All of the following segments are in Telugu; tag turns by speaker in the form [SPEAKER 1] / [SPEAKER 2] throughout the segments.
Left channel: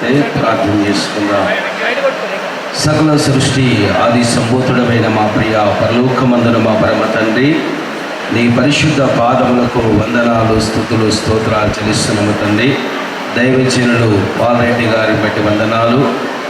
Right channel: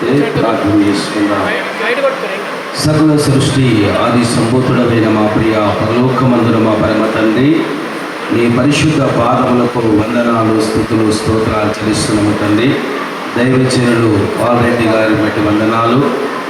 [SPEAKER 1] కొరకై ప్రార్థన చేసుకుందాం. సకల సృష్టి ఆది సంభూతుడమైన మా ప్రియ పరలోకమందున మా పరమ తండ్రి నీ పరిశుద్ధ పాదములకు వందనాలు స్థుతులు స్తోత్రాలు చెల్లిస్తున్నాము తండ్రి. దైవజనులు పాలరెడ్డి గారి బట్టి వందనాలు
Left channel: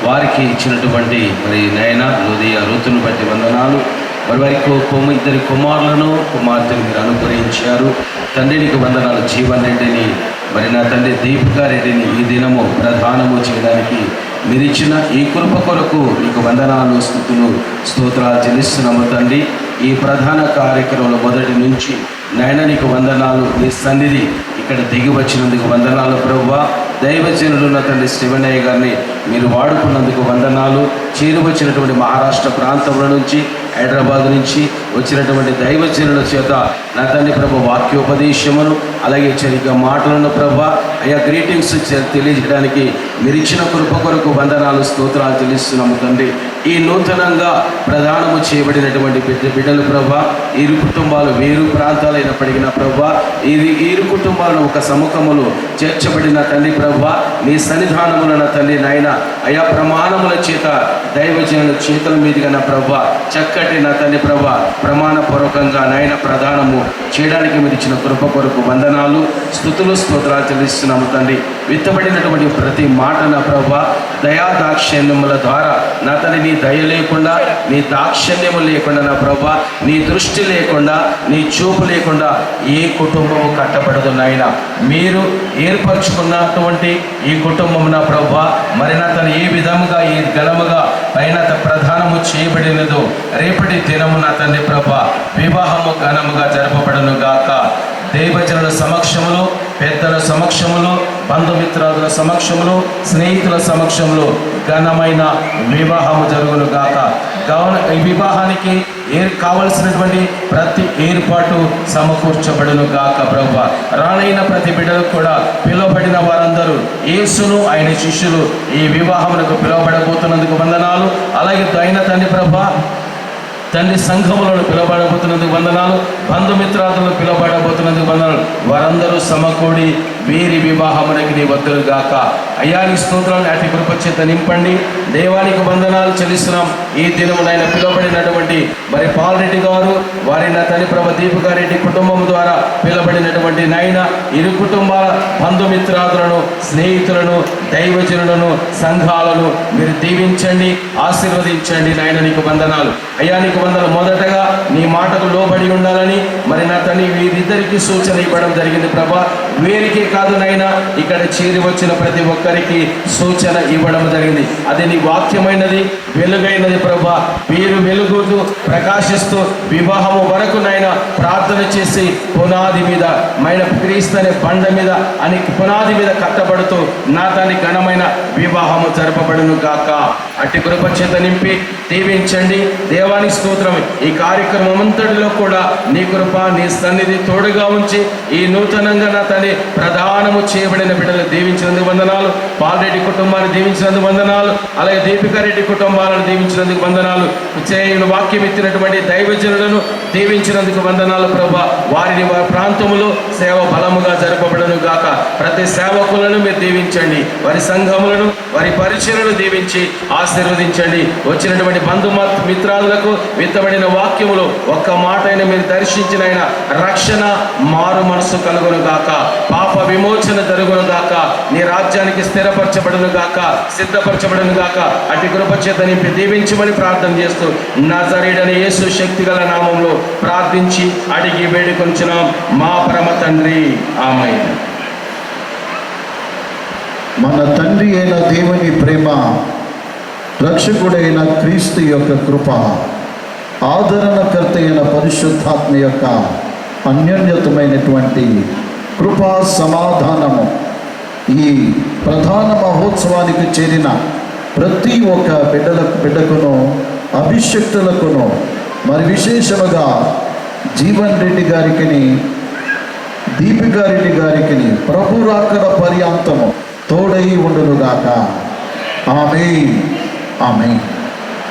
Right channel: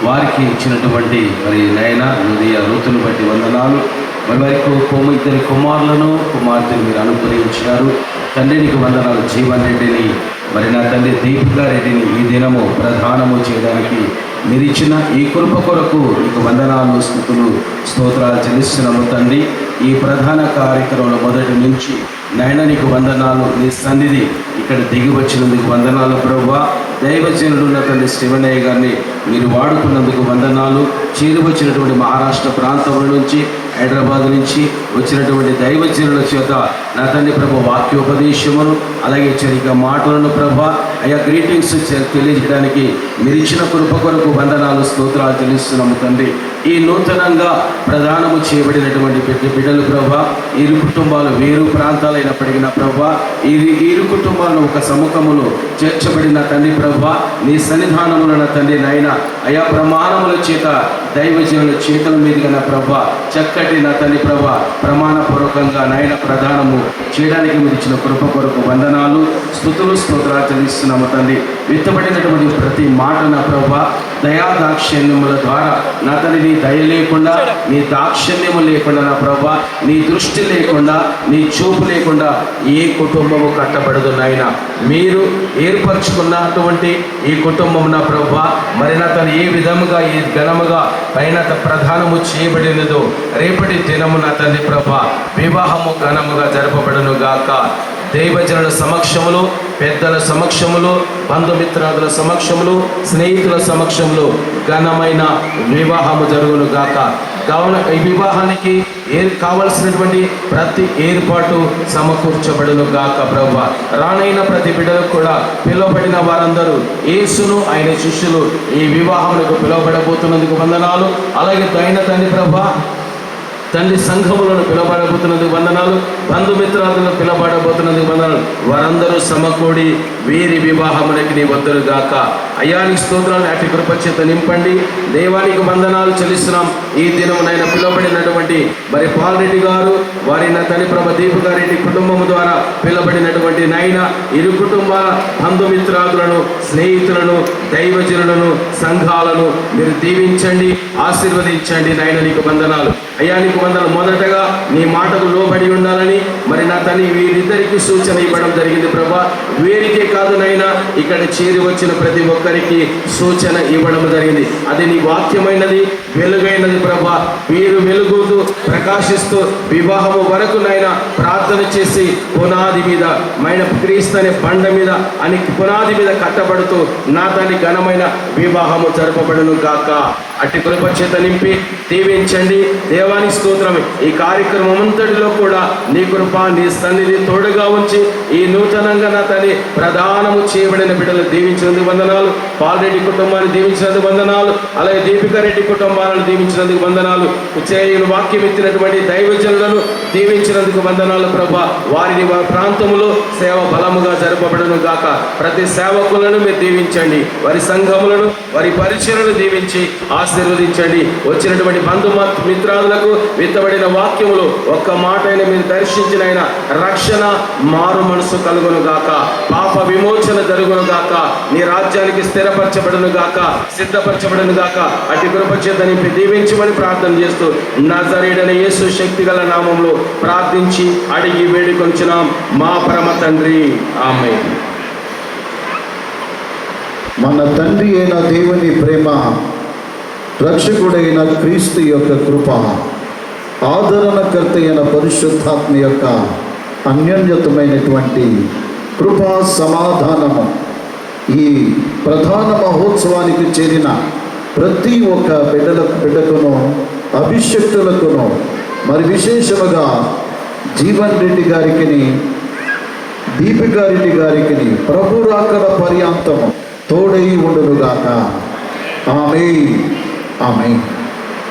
[SPEAKER 1] వారికి ఇచ్చినటువంటి మరి నయన నుదియ ఋతును బట్టి వందనాలు. మరి వారికి కొమ్ము ఇద్దరు కుమారులను కుమార్తెను మీరు అనుగ్రహించారు. తండ్రికి వందనాలు. జీవన్ రెడ్డిని మరి నా తండ్రి దీపికా రెడ్డిని ఈ దినము ప్రధానము చేయడానికి మీరు ఇచ్చిన ఈ కృప కొరకు మీకు వందనాలు స్థుతులు స్తోత్రాలు చెల్లిస్తున్నాము తండ్రి. ఈ ప్రధాన కార్యక్రమంలో మొదటి నుంచి నాయన నీకు వందనాలు నీ సన్నిధి ఇక్కడ దిగి వచ్చినందుకు వందనాలు ప్రభువా. దైవజనుడు నా తండ్రి శివనయ్య గారిని మీరు వాడుకున్నందుకు వందనాలు. చేరువచ్చినటువంటి మహారాష్ట్ర ప్రాంతంలో నుంచి హైదరాబాద్ నుంచి వచ్చినటువంటి దైవజనుల చేత నా తండ్రి ప్రభు వాక్యోపదేశమును అలాగే చరిక మాటలను ప్రభా అయ్యా గ్రీటింగ్స్ తెలియజేయడానికి మీరు ఇచ్చిన కృప కొరకు వందనాలు స్తోత్రాలు తెలుస్తున్నాము తండ్రి. ఈ నూతనంగా ప్రధానము చేయబడినటువంటి పెద్ద బిడ్డలు ప్రభా ఇరు కుటుంబాలు వేరు ప్రాంతాలైనప్పటికీ నా ప్రభా ఇది ఇరు కుటుంబాలను ఒక సముఖములో చేర్చబడిన తండ్రి ప్రభా నీ సన్నిధానములో నా తండ్రి నాయన అయా ప్రమాణముల చేత దైవజనుల చేతుల మీదుగా నా ప్రభా చక్కటి నా తండ్రి ప్రభా ప్రమాణపూర్వకంగా నాయన ప్రధానము చేయడానికి మీరు ఇచ్చిన కృప కొరకు వందనాలు స్థుతులు స్తోత్రాలు తెలుస్తున్నాము తండ్రి. విత్తబడినటువంటి ప్రతి మాట నా ప్రభా దయాదాక్షిణ్యముల ద్వారా నా తండ్రి నీ దయ లేకుండా నీ దాక్షిణ్యము లేకుండా నా ప్రభా నీ దృష్టి లేకుండా నీ చూపు లేకుండా ఏ కుటుంబము కట్టబడదు నాయన. మీరు ఏర్పరచుకున్నటువంటి ఈ కుటుంబం నా ప్రభా మరి నా తను ఏ విధముగా ఏ ఘనముగా పైన ప్రధానము చేయబడినదో రేపటి దినము నా తండ్రి ప్రభా వివాహము ఘనముగా జరపబడను గాక దైవజనుల సమక్షములో పెద్దల సమక్షములో బంధుమిత్రాదుల సమక్షములు స్నేహితుల సమక్షంలో ఘనమైన వివాహము జరుగును గాక. కావున ఈ వివాహానికి ఏ కావలసినటువంటి ప్రతి ఏర్పాటు సమకూర్చబడును గాక ప్రభు. రానైన ప్రతి బిడ్డలకు కూడా పిలువబడిన వారందరూ యేసును ఆయన శిష్యులు ఈ వివాహములకు పిలువబడబోతున్నందుకు వందనాలు. అలాగే దైన తండ్రి ప్రభా తండ్రి సంఘములను పిలువబడబోతున్నందుకు వందనాలు. బంధుమిత్రాదులను పిలువబడబోతున్నందుకు వారందరూ సమకూడి వీరి వివాహమునకి నీ వద్దరు గాక. అయ్యా నీ స్తోత్రాన్ని అటు కృపచేత నింపండి. దేవానికి వందనాలు చెల్లిస్తున్నాం. ఈ దినమునైనా పిలువబడినటువంటి మరి పాలరెడ్డి గారు వారి నా తల్లి ప్రభ దీపికారెడ్డి కుటుంబం ద్వారా పిలువబడినటువంటి నాయన ఇరు కుటుంబ బంధుమిత్రాదులను స్నేహితులను దైవజనులను సంఘాలను మీరు దీవించండి ఆశీర్వదించండి నాయన నీకు వందనాలు. అయ్యా నీకు వందనాలు మొదటగా నీ మాటకు లోబడి ఉండాలని మరి నా తల్లి వీరిద్దరికి సూచన ఇవ్వడం జరిగింది ప్రభా. వీరికే కాదు నైనా ఇక్కడ చేరి వచ్చిన ప్రతి ఒక్కరికి సూచన ఇవ్వడం జరిగింది. అది నీ వాక్యమైనది వెలుగైనది ప్రభా. వీరు వెలుగుతూ ప్రకాశిస్తూ వివాహము వరకు నైనా ప్రార్థన చేసి పునాది మీద మైన క్రీస్తునే బండ మీద అని పునాది మీద కట్టబడుతూ నా తల్లి ఘనమైన వివాహము జరపబడును గాక. అట్టి కృపచేత నింపి దీవించండి. దేవానికి స్తోత్రం. ఈ కార్యక్రమం అంతటిలో కూడా నీ కృప నీ సన్నిధి తోడుగా ఉంచి ఈ నూతనంగా నా తల్లి ప్రధానము చేయబడిన బిడ్డలు దీవించినందుకు వందనాలు. పాలరెడ్డి కుటుంబాన్ని దీవించినందుకు వందనాలు. అలాగే దీపికారెడ్డి కుటుంబాలను దీవించినందుకు వందనాలు. చేయని వాక్యం ఇచ్చినటువంటి దైవజనులను దీవించినందుకు వందనాలు ప్రభా. వారిని వారి ప్రాంతములో సేవ బలముగా జరపబడను గాక ప్రతి సేవకులను మీరు దీవించండి. వారి సంఘములను వారి పరిచయలను దీవించి ఆశీర్వదించండి. వచ్చినటువంటి బంధు మిత్రాదులకు విత్తబడిన వాక్యములు ఒక్క మాట అయినా మీరు దర్శించిన ఆయన రక్షణ మారు మనసు కలుగును గాక. పాప విమోచన జరుగును గాక. నీ రాజ్యానికి స్థిరపరచబడును గాక. సిద్ధపరచబడును గాక. అతి కృపచేత నింపి దీవించమని ప్రార్థన చేస్తూ నజరీడని యేసు శక్తి గల నామంలో ప్రార్థించి అడిగి వేడుకొంచున్నాం. మా పరమ తండ్రి. ఆమె
[SPEAKER 2] మన తండ్రి అయిన దేవుని ప్రేమ రక్షకుడైన క్రీస్తు యొక్క కృప ఆదరణకర్త అయిన పరిశుద్ధాత్మ యొక్క అన్యోన్యతమైనటువంటి కృపా సమాధానము. ఈ ప్రధాన మహోత్సవానికి చేరిన ప్రతి ఒక్క బిడ్డల బిడ్డకును అభిషక్తులకును మరి విశేషముగా జీవన్ రెడ్డి గారికి దీపికారెడ్డి గారికి ప్రభు రాకడ పర్యాంతము తోడై ఉండునుగాక ఆమె ఆమె